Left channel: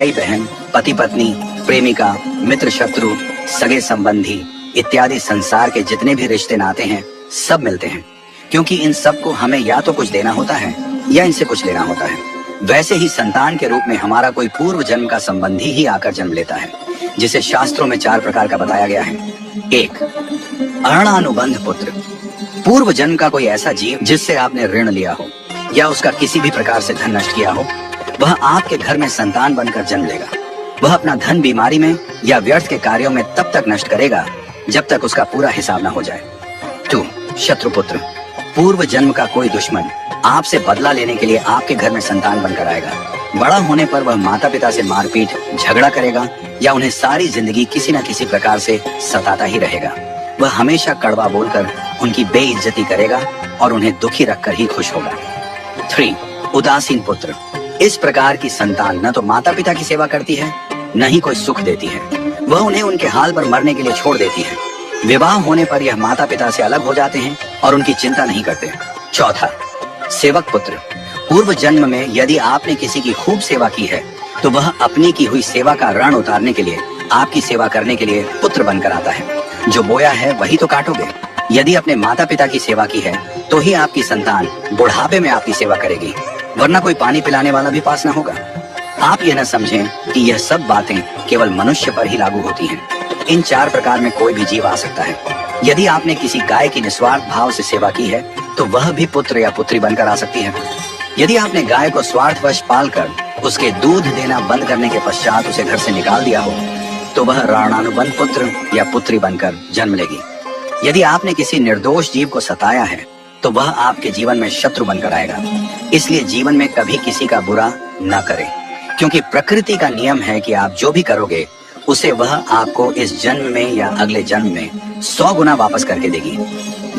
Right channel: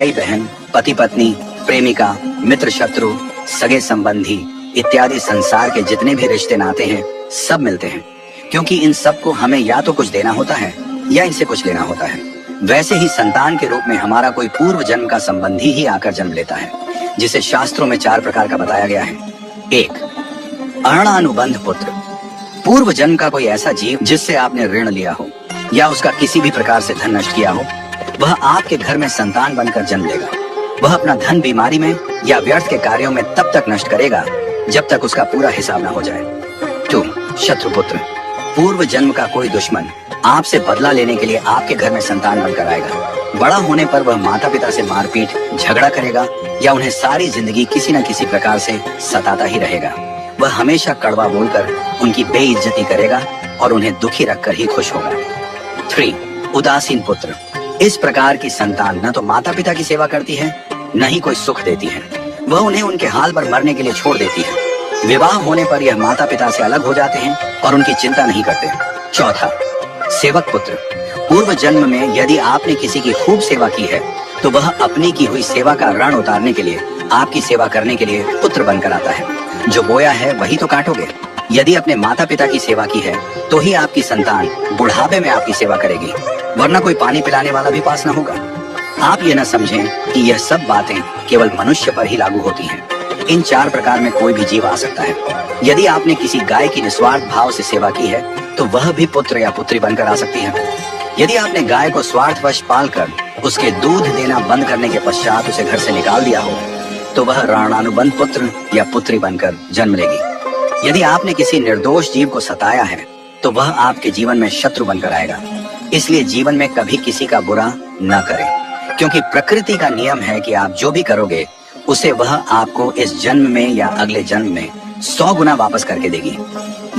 भाई बहन, पति पत्नी, प्रेमिका, मित्र शत्रु, सगे संबंधी इत्यादि संसार के जितने भी रिश्ते नाते हैं सब मिलते हैं, क्योंकि इन सब को हमें या तो कुछ देना होता है या इनसे कुछ लेना होता है। वैसे ही संतान के रूप में हमारा कोई पूर्व जन्म का संबंधी ही आकर जन्म लेता है, जिसे शास्त्रों में 4 प्रकार का बताया गया है। 1. अऋणानुबंध पुत्र। पूर्व जन्म का कोई ऐसा जीव जिससे आपने ऋण लिया हो या उसका किसी भी प्रकार से धन नष्ट किया हो, वह आपके घर में संतान बनकर जन्म लेगा। वह अपना धन बीमारी में या व्यर्थ के कार्यों में तब तक नष्ट करेगा जब तक उसका पूरा हिसाब न हो जाए। 2. शत्रुपुत्र। पूर्व जन्म का कोई दुश्मन आपसे बदला लेने के लिए आपके घर में संतान बनकर आएगा। बड़ा होने पर वह माता पिता से मारपीट, झगड़ा करेगा या उन्हें सारी जिंदगी किसी न किसी प्रकार से सताता ही रहेगा। वह हमेशा कड़वा बोलकर उनकी बेइज्जती करेगा और उन्हें दुखी रखकर ही खुश होगा। 3. उदासीन पुत्र। इस प्रकार की संतान न तो माता पिता की सेवा करती है, न ही कोई सुख देती है। वह उन्हें उनके हाल पर मरने के लिए छोड़ देती है। विवाह होने पर यह माता पिता से अलग हो जाते हैं और उनकी चिंता नहीं करते। 4. सेवक पुत्र। पूर्व जन्म में यदि आपने किसी की खूब सेवा की है तो वह अपनी की हुई सेवा का ऋण उतारने के लिए आपकी सेवा करने के लिए पुत्र बनकर आता है। जो बोया है वही तो काटोगे। यदि अपने माता पिता की सेवा की है तो ही आपकी संतान बुढ़ापे में आपकी सेवा करेगी, वरना कोई पानी पिलाने वाला भी पास न होगा। आप ये न समझें कि यह सब बातें केवल मनुष्य पर ही लागू होती हैं। इन 4 प्रकार में कोई भी जीव आ सकता है। यदि आपने किसी गाय की निस्वार्थ भाव से सेवा की है तो वह भी पुत्र या पुत्री बनकर आ सकती है। यदि आपने गाय को स्वार्थवश पालकर उसके दूध देना बंद करने के पश्चात उसे घर से निकाल दिया हो तो वह ऋणानुबंध पुत्र या पुत्री बनकर जन्म लेगी। यदि आपने किसी निर्दोष जीव को सताया है तो वह आपके जीवन में शत्रु बनकर आएगा। इसलिए जीवन में कभी किसी का बुरा न करें, क्योंकि प्रकृति का नियम है कि आप जो भी करोगे उसे वह आपको इस जन्म में या अगले जन्म में 100 गुना वापस करके देगी।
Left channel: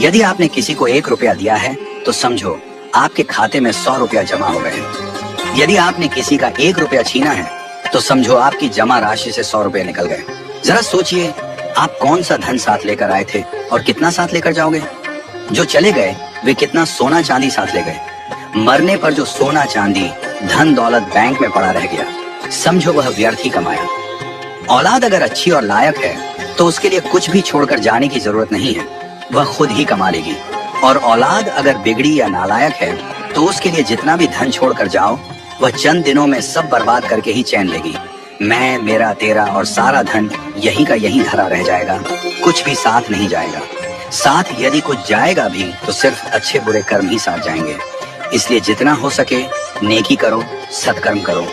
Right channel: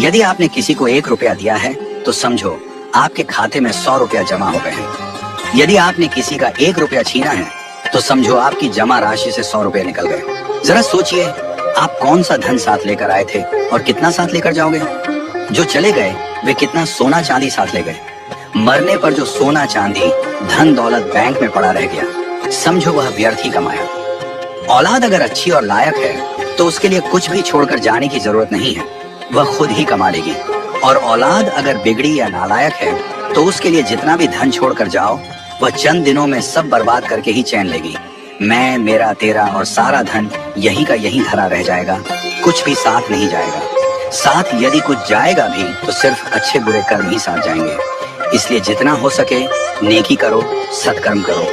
यदि आपने किसी को 1 रुपया दिया है तो समझो आपके खाते में 100 रुपया जमा हो गए हैं। यदि आपने किसी का 1 रुपया छीना है तो समझो आपकी जमा राशि से 100 रुपए निकल गए। जरा सोचिए, आप कौन सा धन साथ लेकर आए थे और कितना साथ लेकर जाओगे। जो चले गए वे कितना सोना चांदी साथ ले गए। मरने पर जो सोना चांदी धन दौलत बैंक में पड़ा रह गया, समझो वह व्यर्थ ही कमाया। औलाद अगर अच्छी और लायक है तो उसके लिए कुछ भी छोड़कर जाने की जरूरत नहीं है, वह खुद ही कमा लेगी। और औलाद अगर बिगड़ी या नालायक है तो उसके लिए जितना भी धन छोड़कर जाओ वह चंद दिनों में सब बर्बाद करके ही चैन लेगी। मैं, मेरा, तेरा और सारा धन यहीं का यहीं धरा रह जाएगा, कुछ भी साथ नहीं जाएगा। साथ यदि कुछ जाएगा भी तो सिर्फ अच्छे बुरे कर्म ही साथ जाएंगे। इसलिए जितना हो सके नेकी करो, सत्कर्म करो।